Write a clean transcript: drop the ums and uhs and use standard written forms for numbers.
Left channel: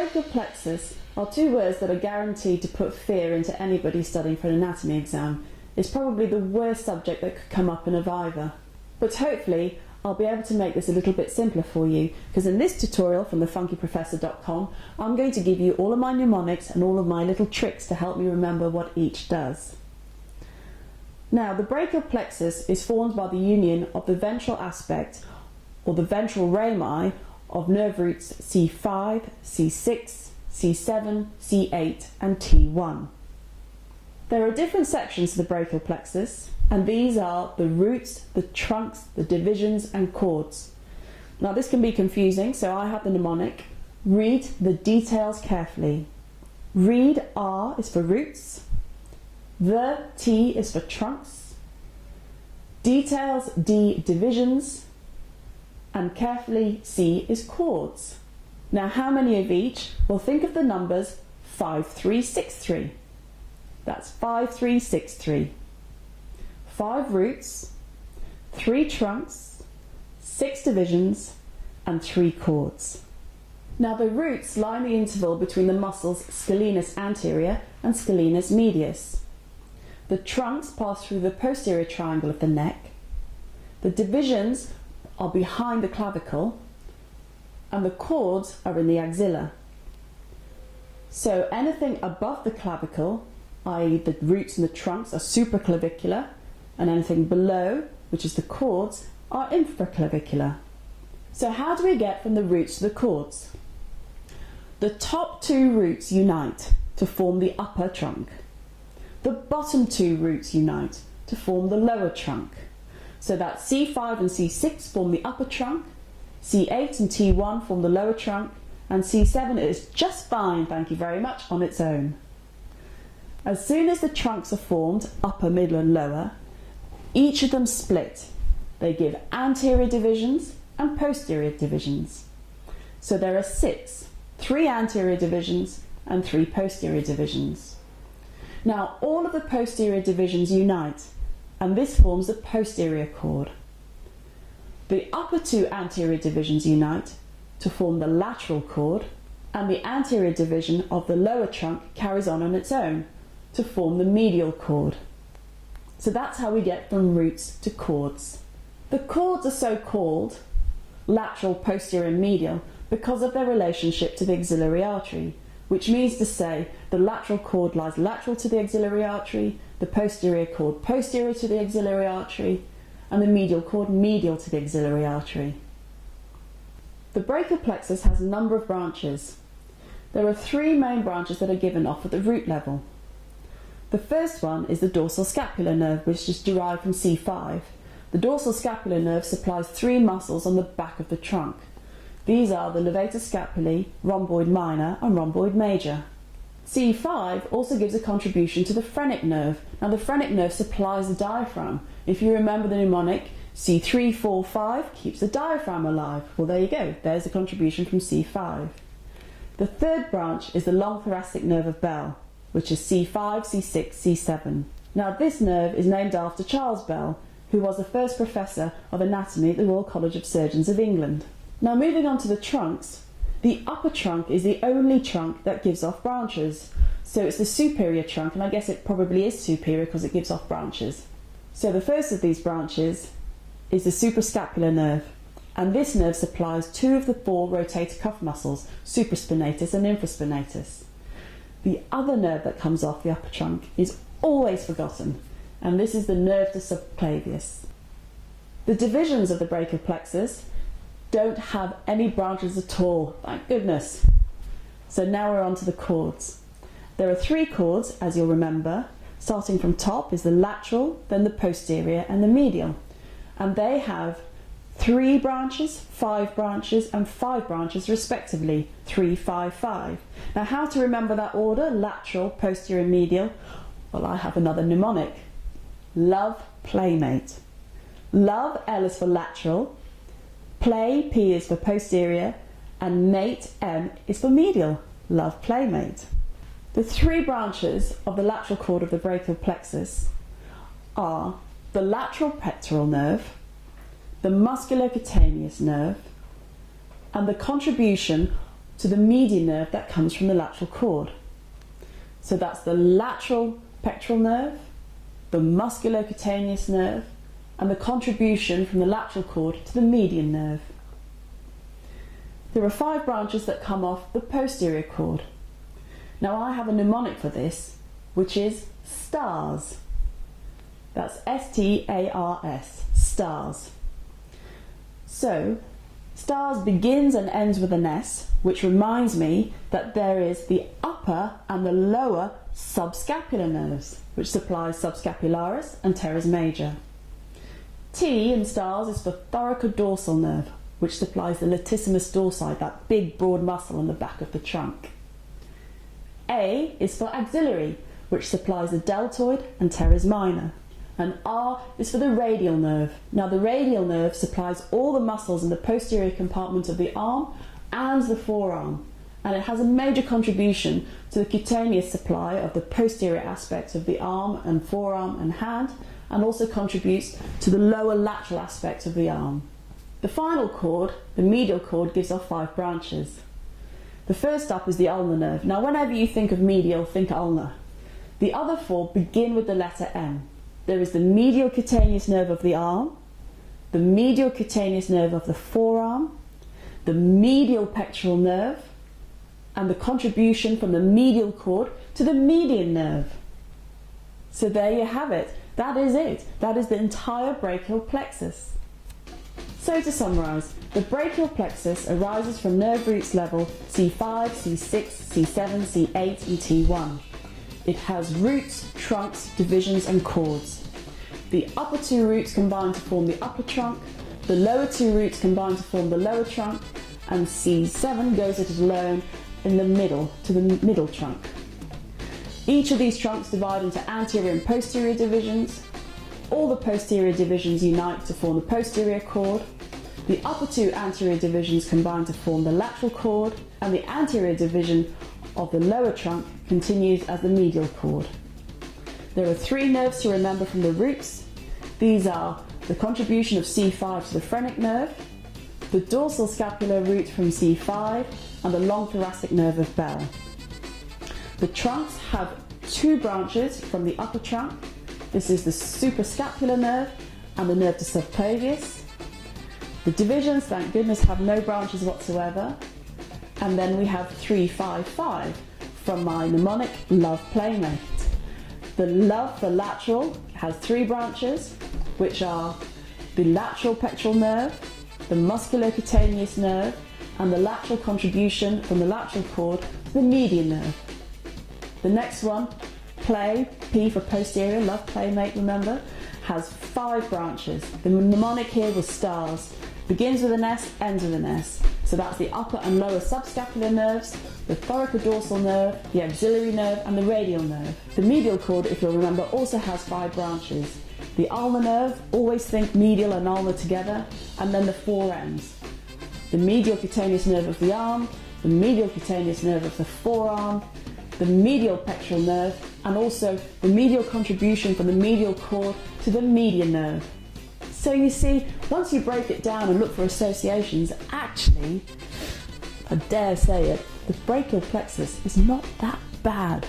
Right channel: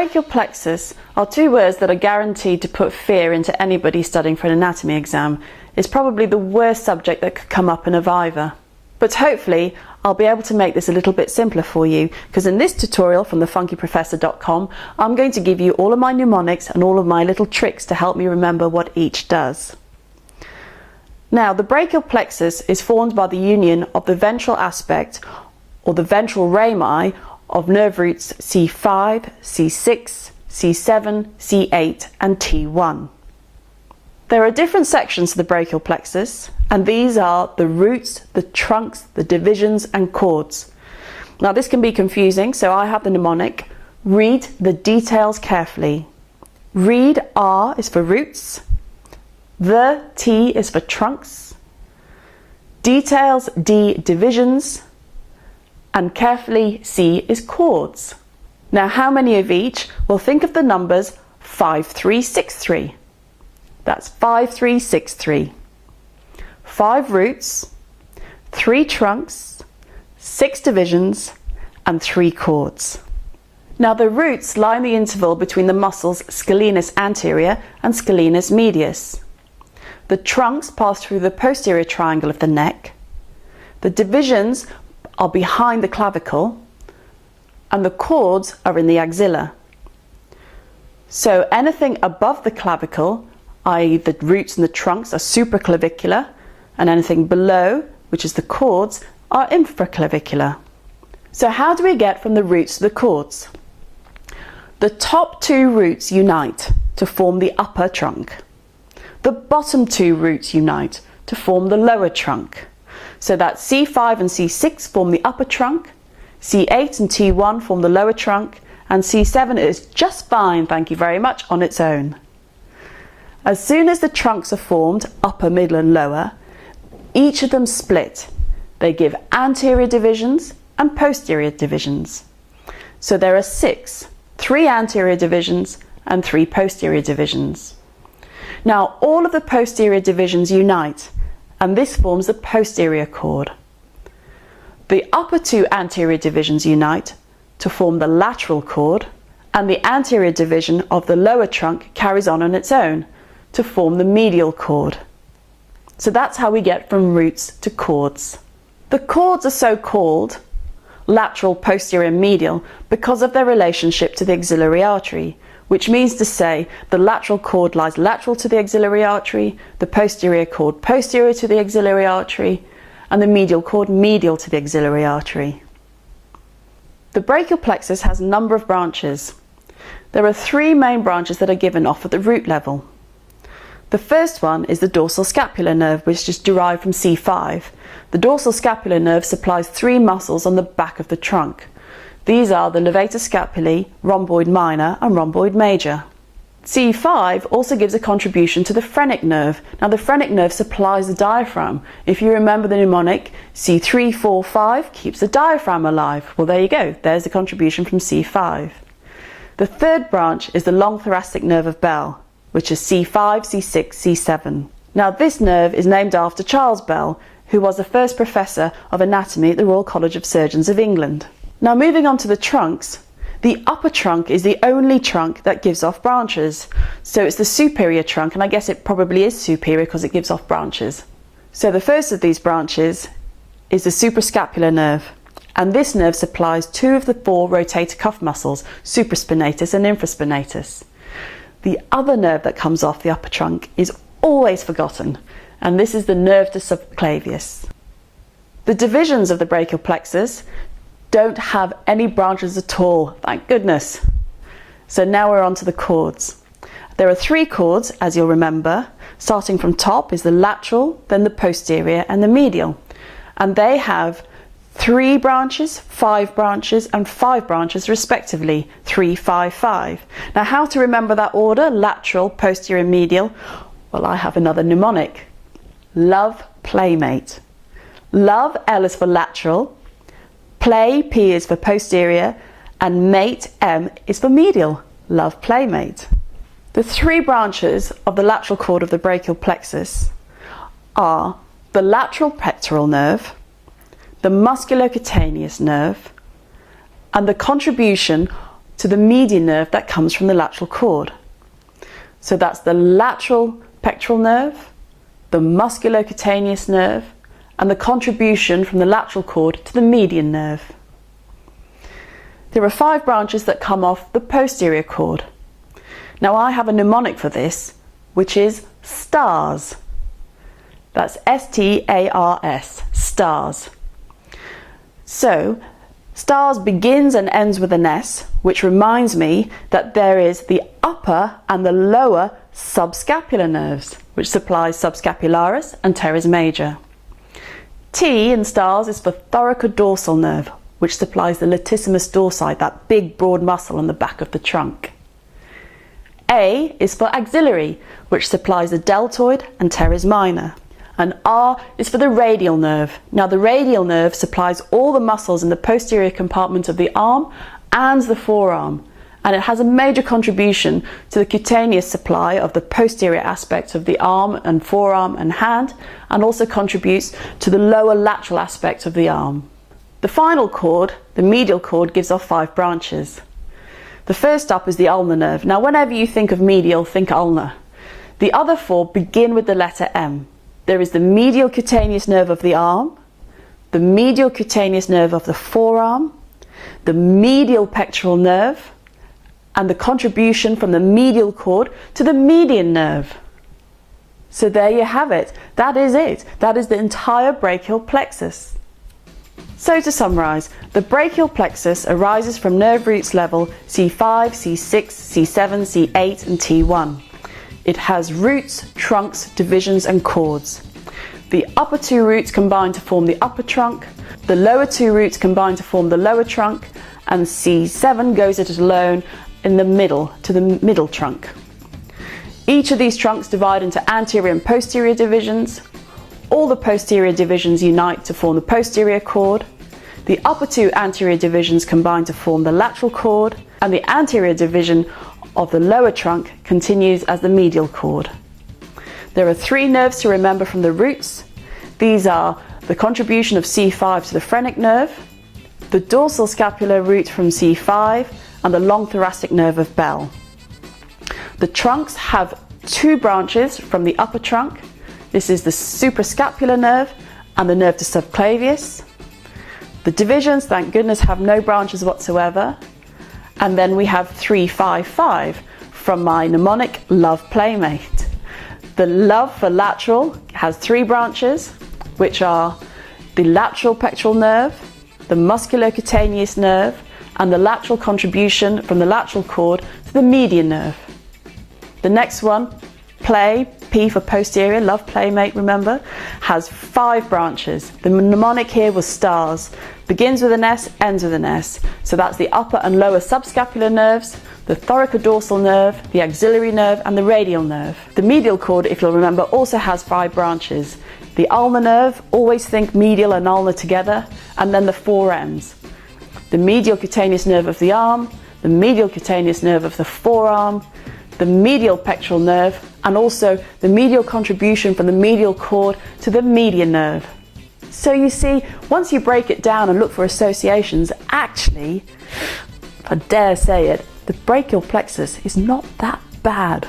brachial plexus are two words that are guaranteed to put fear into anybody studying for an anatomy exam. It's probably the worst subject that could come up in a viva. But hopefully I'll be able to make this a little bit simpler for you, because in this tutorial from thefunkyprofessor.com I'm going to give you all of my mnemonics and all of my little tricks to help me remember what each does. Now, the brachial plexus is formed by the union of the ventral aspect, or the ventral rami, of nerve roots C5, C6, C7, C8 and T1. There are different sections to the brachial plexus, and these are the roots, the trunks, the divisions and chords. Now this can be confusing, so I have the mnemonic: read the details carefully. Read R is for roots, the T is for trunks, details D divisions, and carefully C is chords. Now how many of each? Well, think of the numbers 5363. That's 5363. 5 roots, 3 trunks, 6 divisions and 3 chords. Now the roots lie in the interval between the muscles scalenus anterior and scalenus medius. The trunks pass through the posterior triangle of the neck. The divisions are behind the clavicle, and the chords are in the axilla. So anything above the clavicle, i.e. the roots and the trunks, are supraclavicular, and anything below, which is the chords, are infraclavicular. So how do we get from the roots to the chords? The top 2 roots unite to form the upper trunk. The bottom 2 roots unite to form the lower trunk. So that C5 and C6 form the upper trunk, C8 and T1 form the lower trunk, and C7 is just fine, thank you very much, on its own. As soon as the trunks are formed, upper, middle and lower, each of them split. They give anterior divisions and posterior divisions. So there are 6, 3 anterior divisions and 3 posterior divisions. Now all of the posterior divisions unite, and this forms the posterior chord. The upper 2 anterior divisions unite to form the lateral chord, and the anterior division of the lower trunk carries on its own to form the medial chord. So that's how we get from roots to chords. The chords are so called lateral, posterior and medial because of their relationship to the axillary artery, which means to say the lateral chord lies lateral to the axillary artery, the posterior chord posterior to the axillary artery, and the medial chord medial to the axillary artery. The brachial plexus has a number of branches. There are 3 main branches that are given off at the root level. The first one is the dorsal scapular nerve, which is derived from C5. The dorsal scapular nerve supplies 3 muscles on the back of the trunk. These are the levator scapulae, rhomboid minor and rhomboid major. C5 also gives a contribution to the phrenic nerve. Now the phrenic nerve supplies the diaphragm. If you remember the mnemonic, C3, 4, 5 keeps the diaphragm alive. Well, there you go, there's the contribution from C5. The third branch is the long thoracic nerve of Bell, which is C5, C6, C7. Now this nerve is named after Charles Bell, who was the first professor of anatomy at the Royal College of Surgeons of England. Now moving on to the trunks, the upper trunk is the only trunk that gives off branches. So it's the superior trunk, and I guess it probably is superior because it gives off branches. So the first of these branches is the suprascapular nerve, and this nerve supplies 2 of the 4 rotator cuff muscles, supraspinatus and infraspinatus. The other nerve that comes off the upper trunk is always forgotten, and this is the nerve de subclavius. The divisions of the brachial plexus don't have any branches at all, thank goodness. So now we're on to the chords. There are 3 chords, as you'll remember. Starting from top is the lateral, then the posterior and the medial. And they have 3 branches, 5 branches and 5 branches respectively, 3, 5, 5. Now how to remember that order, lateral, posterior, medial? Well, I have another mnemonic. Love, playmate. Love, L is for lateral, play, P is for posterior, and mate, M is for medial. Love, playmate. The 3 branches of the lateral chord of the brachial plexus are the lateral pectoral nerve, the musculocutaneous nerve, and the contribution to the median nerve that comes from the lateral cord. So that's the lateral pectoral nerve, the musculocutaneous nerve, and the contribution from the lateral cord to the median nerve. There are 5 branches that come off the posterior cord. Now I have a mnemonic for this, which is STARS. That's S-T-A-R-S, STARS. So, STARS begins and ends with an S, which reminds me that there is the upper and the lower subscapular nerves, which supplies subscapularis and teres major. T in STARS is for thoracodorsal nerve, which supplies the latissimus dorsi, that big broad muscle on the back of the trunk. A is for axillary, which supplies the deltoid and teres minor. And R is for the radial nerve. Now the radial nerve supplies all the muscles in the posterior compartment of the arm and the forearm, and it has a major contribution to the cutaneous supply of the posterior aspects of the arm and forearm and hand, and also contributes to the lower lateral aspect of the arm. The final cord, the medial cord, gives off 5 branches. The first up is the ulnar nerve. Now whenever you think of medial, think ulnar. The other 4 begin with the letter M. There is the medial cutaneous nerve of the arm, the medial cutaneous nerve of the forearm, the medial pectoral nerve, and the contribution from the medial cord to the median nerve. So there you have it. That is it. That is the entire brachial plexus. So to summarise, the brachial plexus arises from nerve roots level C5, C6, C7, C8 and T1. It has roots, trunks, divisions and cords. The upper 2 roots combine to form the upper trunk, the lower 2 roots combine to form the lower trunk, and C7 goes it alone in the middle to the middle trunk. Each of these trunks divide into anterior and posterior divisions. All the posterior divisions unite to form the posterior cord. The upper 2 anterior divisions combine to form the lateral cord, and the anterior division of the lower trunk continues as the medial cord. There are 3 nerves to remember from the roots. These are the contribution of C5 to the phrenic nerve, the dorsal scapular root from C5, and the long thoracic nerve of Bell. The trunks have 2 branches from the upper trunk. This is the suprascapular nerve and the nerve to subclavius. The divisions, thank goodness, have no branches whatsoever. And then we have 3-5-5 from my mnemonic Love Playmate. The love for lateral has 3 branches, which are the lateral pectoral nerve, the musculocutaneous nerve, and the lateral contribution from the lateral cord to the median nerve. The next one, play, P for posterior, Love Playmate, remember, has 5 branches. The mnemonic here was STARS. Begins with an S, ends with an S. So that's the upper and lower subscapular nerves, the thoracodorsal nerve, the axillary nerve, and the radial nerve. The medial cord, if you'll remember, also has 5 branches. The ulnar nerve, always think medial and ulnar together, and then the 4 ends. The medial cutaneous nerve of the arm, the medial cutaneous nerve of the forearm, the medial pectoral nerve, and also the medial contribution from the medial cord to the median nerve. So you see, once you break it down and look for associations, actually, if I dare say it, the brachial plexus is not that bad.